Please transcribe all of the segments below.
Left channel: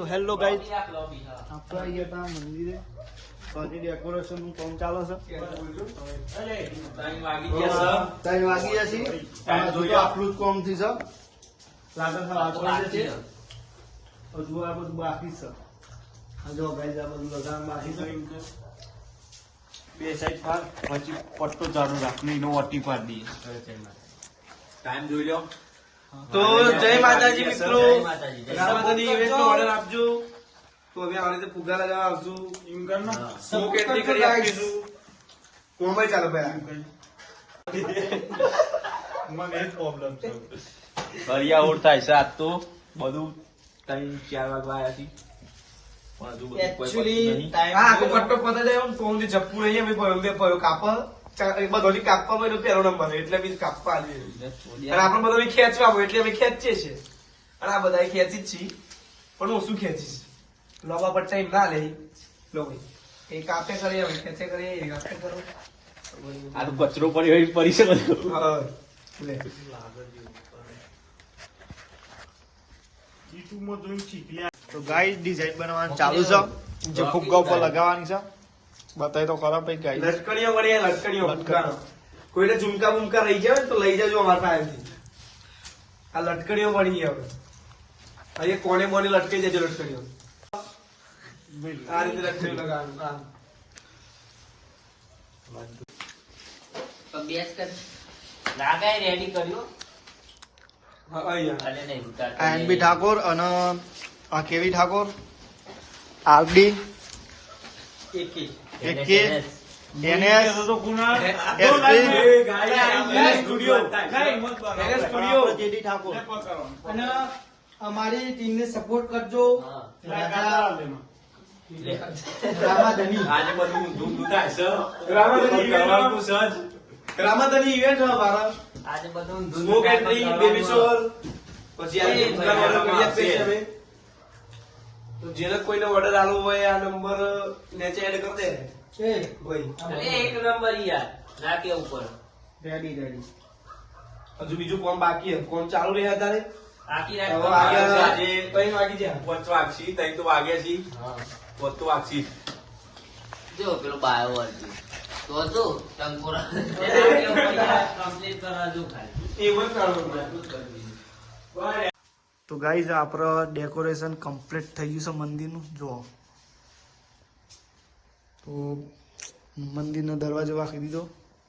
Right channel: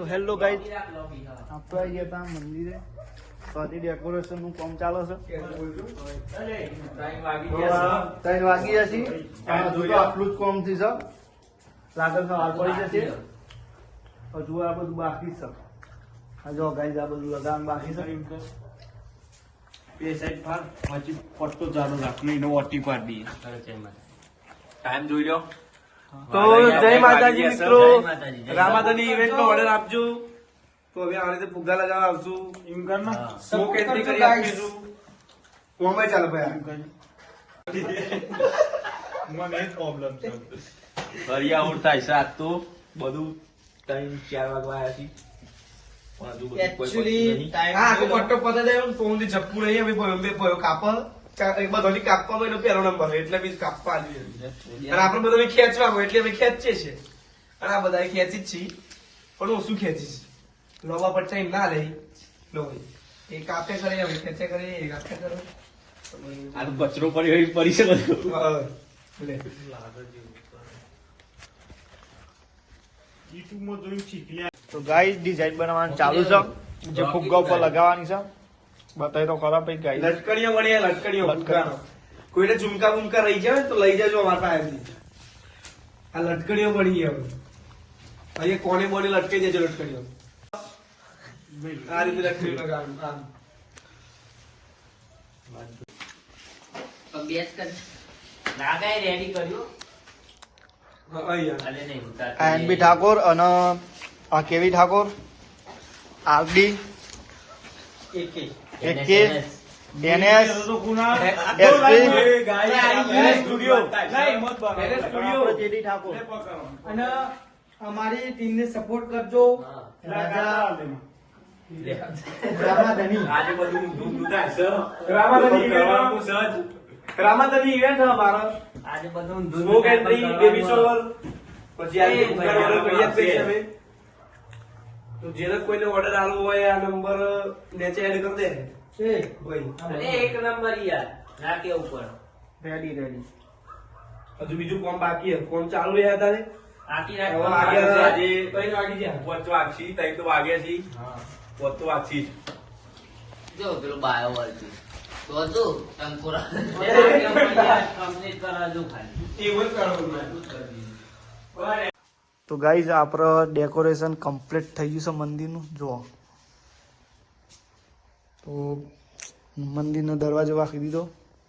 તો hello guys, આપણે અહીંયા હતા મંદિરે તો ડેકોરેશન નું કામ ચાલે છે. 3 વાગી જશે. હજુ તો આટલું જ કામ થી છે. લાગત વાર પડી જશે. હજુ આ બધું બાકી છે. જો ગાઈઝ આ બધું લગાવવાનું બાકી છે. બે સાઈડ પર પછી પટ્ટો ચાલુ રાખી નો ઓટી પાડી દઈએ. ટાઈમ જોઈ લો. તો જય માતાજી મિત્રો, રામાદાની ઇવેન્ટ નો ઓર્ડર આપજો. તો હવે આ રીતે ફુગ્ગા લગાવવા આવશું. સ્મોક એન્ટ્રી કરી આપીશું. કોમે ચાલ ભાઈ મને જ પ્રોબ્લેમ છે. હરિયા ઓર થાય છે. આજ તો બધું 3-4 વાગવા આવ્યા છે. આખો પટ્ટો પતે જાય તો હું જપ્પુ નહીં ભાઈ ભયો કાપા બધો કાપવા હોય પહેલો નંબર એટલે બી કાપવા અને આપડે બધો ખેંચવા હોય એટલે અમે ખેંચીએ છીએ. અને આ બધા ખેંચી જ છીએ પણ હું શું ખેંચીશ લોબા પટ્ટા એમ ના લઈ લો ભાઈ એ કાપે કરીએ હવે ખેંચે કરીએ એ કાપે કરો. આ તો કચરો પડી છે બધું. તો ગાઈઝ ડિઝાઇન બનાવવાનું ચાલુ છે. જે ફુગ્ગા ઉપર લગાવવાની છે બતાવી તો ખરા ભાઈ ગાઈઝ. લટકણીઓ બની લટકણીઓ ફુગ્ગાનો. કોઈને ઝુમકા બુમકા લઈ જાય તો લઈ જજો અમારા પાસેથી. આ લટકણીઓ બની હવે અહીંયા કોને બોને લટકાઈ જજો લટકણીઓ. આ રીતે લટકણીઓ લગાવવાનું. રેડી કર્યો. એનબી ઠાકોર અને આ કેવી ઠાકોર, આરડી, એકે, NS, SP, ઠાકોર અને અમારી ટીમને સપોર્ટ કરજો. રામાધની આજે બધું ધૂમ થાય છે. રામાદાની ઇવેન્ટ અમારો આજે બધું સ્મોક એન્ટ્રી બેબી શોર પછી આ ફુગ્ગાનો ઓર્ડર કરી આપીએ છીએ અમે. તો જેને કોઈને ઓર્ડર આલો હોય આ નંબર નીચે એડ કરી દે છે ભાઈ. એક નંબર યાર નાકે ઉપર રેડી રેડી. હજુ બીજું કોમ બાકી છે. કોમ ચાલુ રહ્યા હતા ને આખી હવે રાત વાગ્યા આજે 3 વાગી ગયા. 5 વાગશી તઈ તો વાગ્યા છી. હા 5 તો વાગશી. જો પેલો બાયો વાળતી તો શું ટંકોરા કમ્પ્લીટ કરાવજો ખાલી એવું જ કરવાનું. તો ગાઈઝ આપણે ડેકોરેશન કમ્પ્લીટ થઈ ગયું છે મંદિરનું. જુઓ તો મંદિરનો દરવાજો વાંકી દીધો,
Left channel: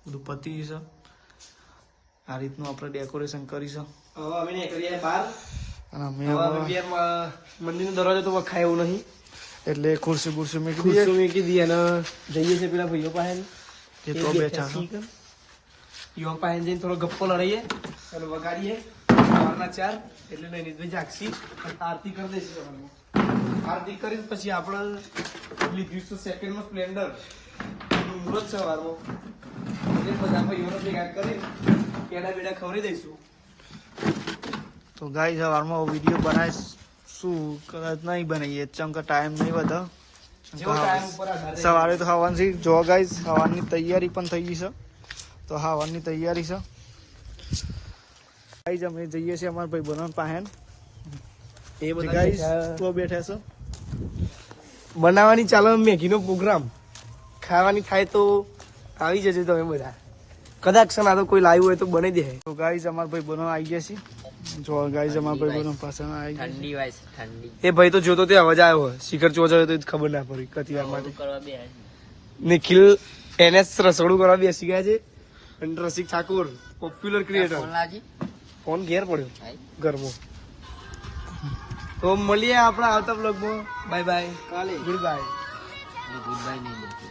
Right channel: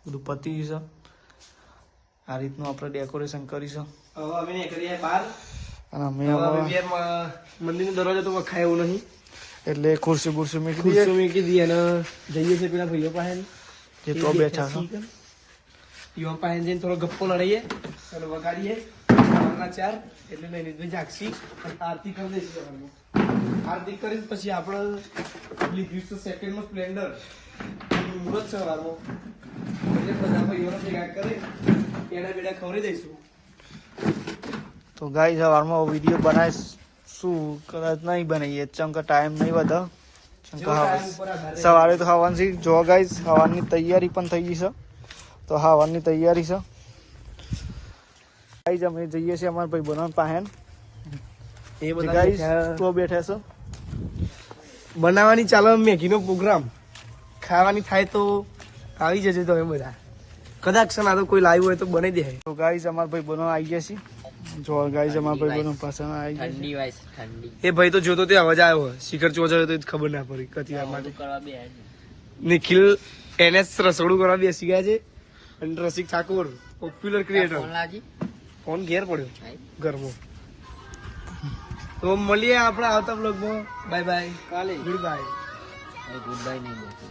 બધું પતી ગયું છે. આ રીતનું આપણે ડેકોરેશન કરીશું. હવે અમે નીકળીએ બહાર. અને અમે હવે હવે બે મંદિરનો દરવાજો તો વખાય એવું નહીં. એટલે ખુરશી બુરશી મૂકી દઈએ. ખુરશી મૂકી દઈએ અને જઈએ છે પેલા ભાઈઓ પાસે. એ તો બેઠા છે. યુવા પાસે જઈને થોડો ગપ્પો લડાઈએ અને વગાડીએ સવારના 4 એટલે નૈનિતભાઈ જાગશી અને આરતી કરી દઈશું. આરતી કરીને પછી આપણે લીધું સેકન્ડ નો સ્પ્લેન્ડર મુહૂર્ત સવારમાં એટલે બધા ભાઈઓને ભેગા કરી કેડા બેડા ખવડાવી દઈશું. તો ગાઈઝ સવારમાં વિડીયો બનાવીશું, કદાચ નહીં બનાવીએ કેમ કે ટાઈમ નહીં વધે. જેવો ટાઈમ ઉપર આધાર રહે. સવારે તો ખાવાની જો ગાઈઝ ખાવાની તૈયારી પણ થઈ ગઈ છે. તો ખાવાની તૈયારી છે ગાઈઝ. અમે જઈએ છીએ અમારા ભાઈ બનાવવા પાસે. એ બધા ગાઈઝ તો બેઠા છે. બનાવવાની ચાલે મેગીનો પ્રોગ્રામ. ખાવાની થાય તો આવી જજો તમે બધા. કદાચ છે ને કોઈ લાવ્યું હોય તો બનાવી દે. તો ગાઈઝ અમારા ભાઈ બનાવવા આવી ગયા છે. જો ગાઈઝ અમારા ભાઈ બનાવવા પાસે આવી ગયા. ઠંડી વાય ઠંડી એ ભાઈ તો જોતો તે અવાજ આવ્યો હોય. શિખર ચોજાયો તો ખબર ના પડી કતી આમાં. કરવા બે નિખિલ NS રસોડું કરવા બેસી ગયા છે અને રસિક ઠાકોર પોપ્યુલર ક્રિએટર ફોન લાગી ફોન ઘેર પડ્યો ઘરમાં. તો મળીએ આપણા આવતા બ્લોગમાં. Bye bye. કાલે ગુડ બાય. ગુડ બાય નહીં બોલતી.